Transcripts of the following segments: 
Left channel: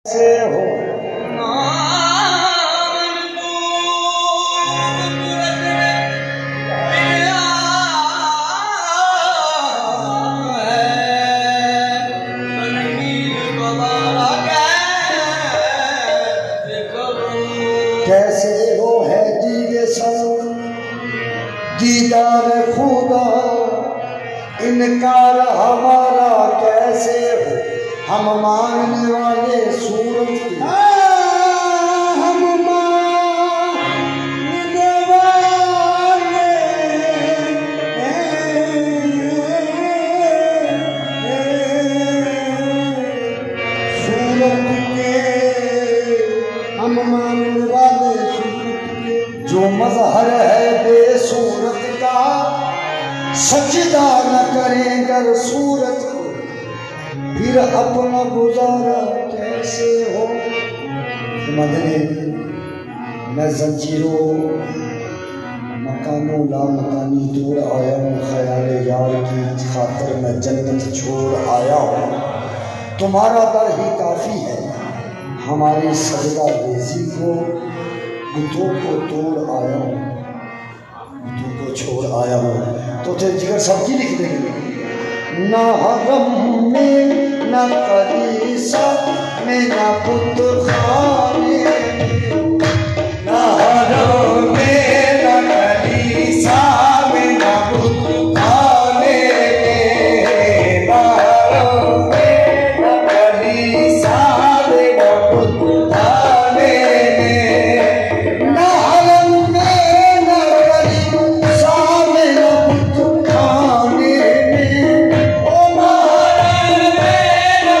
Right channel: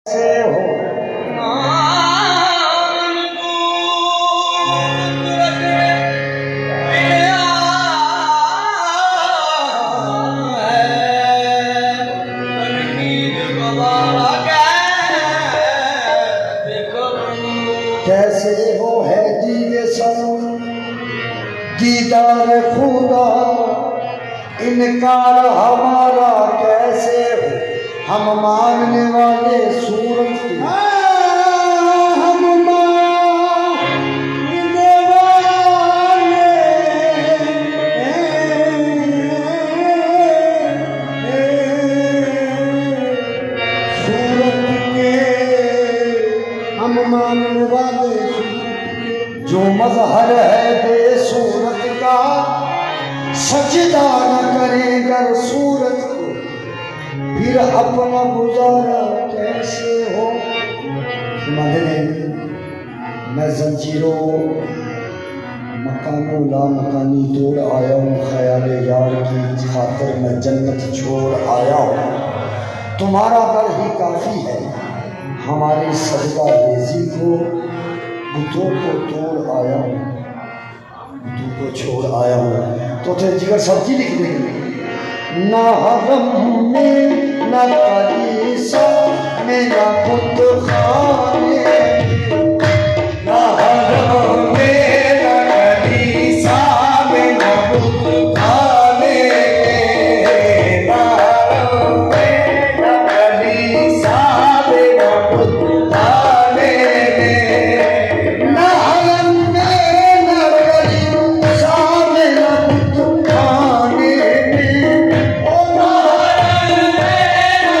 कैसे हो है दीदे सो दीदार खुदा, इनकार हमारा कैसे हो, हम मांगने वाले सूरज की, हम मांगने वाले सूरज के, हम मांगने वाले जो मजहर है बेसूरत का, सजदा न करेगा सूरत को, फिर अपना गुजारा कैसे हो। मैं जंजीरों मकानों ला मकानी तोड़ आया हूँ, ख्याल यार की खातिर मैं जन्नत छोड़ आया हूँ। तुम्हारा दर ही काफी है, हमारी सजदा रेजी को बुतों को तोड़ आया हूँ, बुतों को छोड़ आया हूँ। तो थे जिगर सब्जी लिखने ना गम में ना कलीसा में ना बुत खाने, ना गम में ना कलीसा में ना बुत खाने, ना गम में ना कलीसा में ना बुत खाने, ना गम में ना कलीसा में ना बुत खाने, ओ ना गम में ना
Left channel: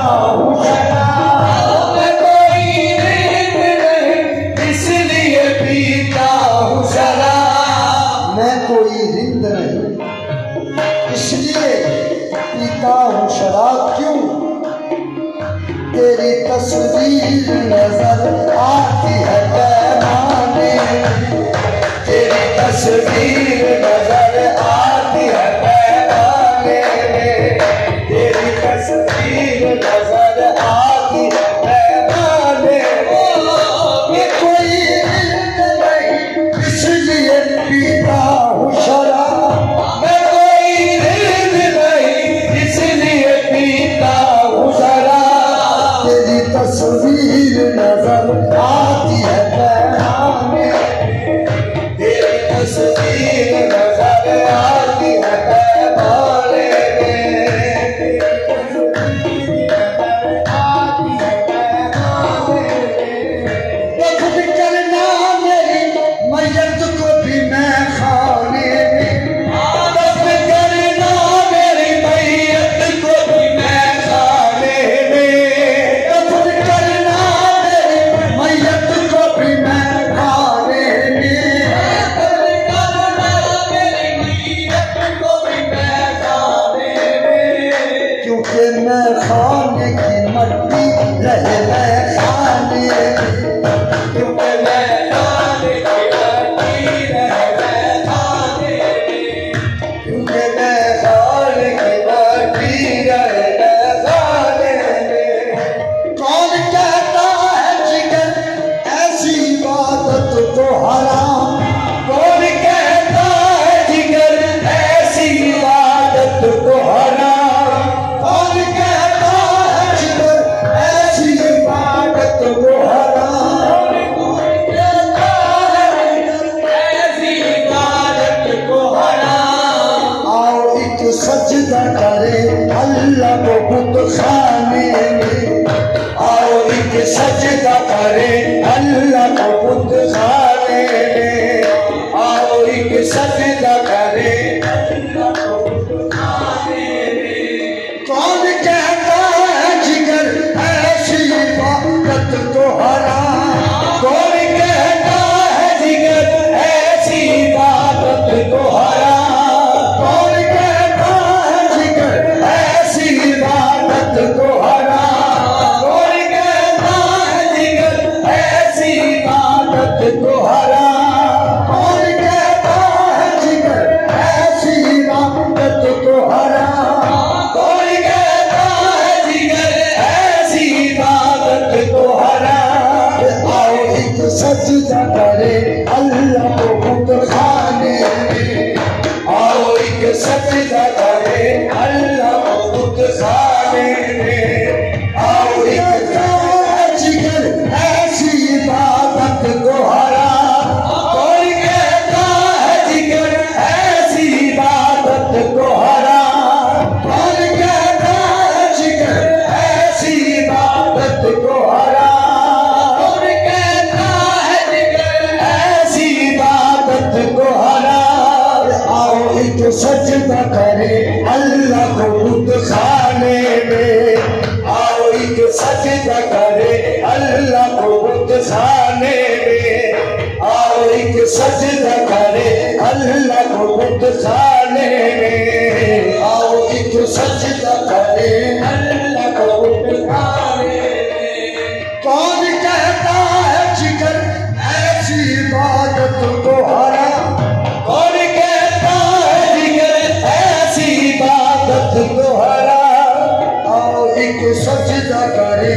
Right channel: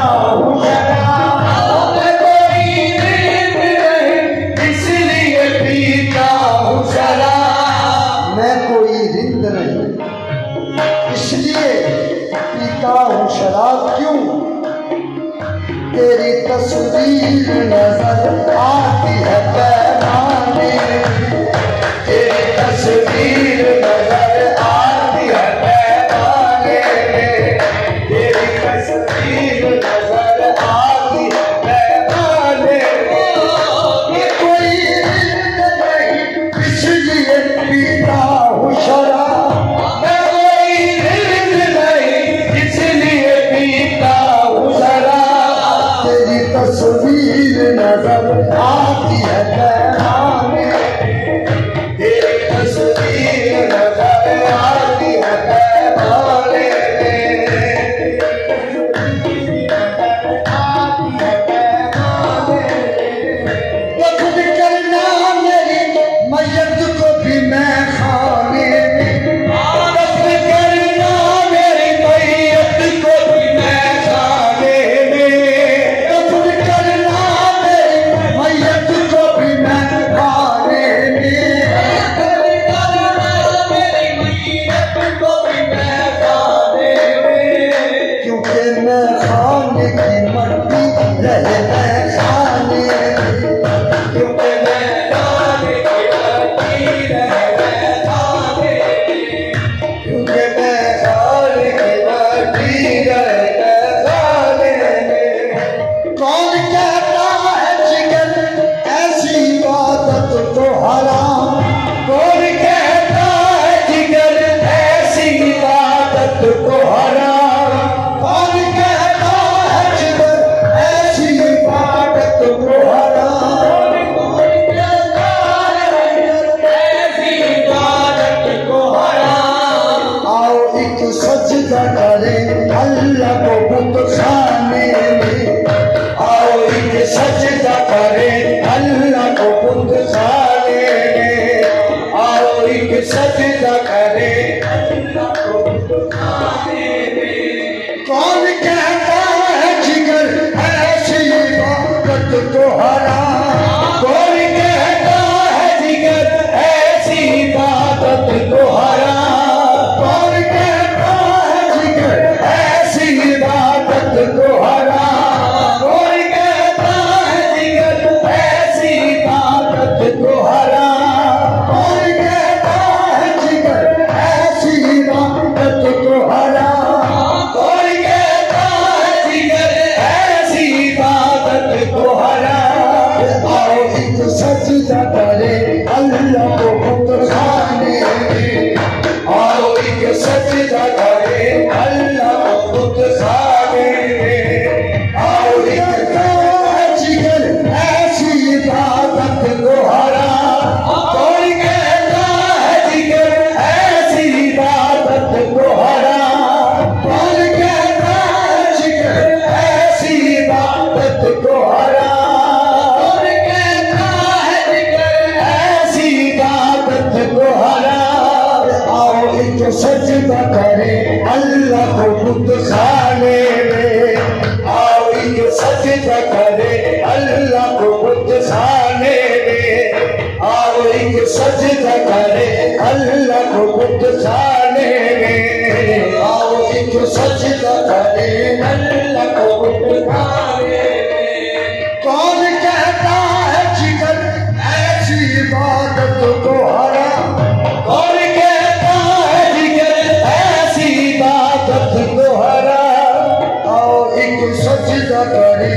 हूँ शराब, मैं कोई रिंद नहीं इसलिए पीता हूँ शराब, मैं कोई रिंद नहीं इसलिए पीता हूँ शराब। क्यों? तेरी तस्वीर नजर आती है पैमाने, तेरी तस्वीर नजर आती है पैमाने, तेरी तस्वीर नजर आती है पैमाने। ये कोई रिंद नहीं इसलिए पीता हूँ शराब, मैं कोई रिंद नहीं इसलिए पीता हूँ शराब, तेरी तस्वीर नजर आती है पैमाने, तेरी तस्वीर नजर आती है पैमाने, खुद करना मेरी मैयत को भी मैं खाने में, दफन करना मेरी मैयत को भी मैं खाने में, दफन करना मेरी मैयत को भी मैं खाने में, दफन करना मेरी मैयत को भी मैं खाने में, क्योंकि मैं खाने की मट्टी रहे मैं खाने में, क्योंकि मैं खाने की मट्टी रहे मैं खाने में, क्योंकि मैं खाने की मट्टी रहे मैं खाने में। कौन कहता है जिगर ऐसी इबादत को हराम, कौन कहता है जिगर ऐसी इबादत को हराम, कौन कहता है जिगर ऐसी इबादत को हराम, कौन कहता है जिगर ऐसी इबादत को हराम। आओ एक सजदा करे अल्लाह को बुत खाने में, आओ एक सजदा करे अल्लाह को बुत खाने में, आओ एक सजदा करे अल्लाह को बुत खाने में। कौन कहता है जिगर ऐसी इबादत को हराम, कौन कहता है जिगर ऐसी इबादत को हराम, कौन कहता है जिगर ऐसी इबादत को हराम, कौन कहता है जिगर ऐसी इबादत को हराम, कौन कहता है जिगर ऐसी इबादत को हराम, कौन कहता है जिगर ऐसी इबादत को हराम। आओ एक सजदा करे अल्लाह को बुत खाने में, आओ एक सजदा करे अल्लाह को बुत खाने में, आओ एक जिगर ऐसी इबादत को हराम, कौन कहता है जिगर ऐसी इबादत को हराम, कौन कहता है जिगर ऐसी इबादत को हराम, कौन कहता है जिगर ऐसी इबादत को हराम। आओ एक सजदा करे अल्लाह को बुत खाने में, आओ एक सजदा करे अल्लाह को बुत खाने में, आओ एक सजदा करे अल्लाह को बुत खाने में, आओ एक सजदा करे अल्लाह को बुत खाने में। कौन कहता है जिगर ऐसी इबादत को हराम, कौन कहता है जिगर ऐसी इबादत को हराम। आओ एक सजदा करे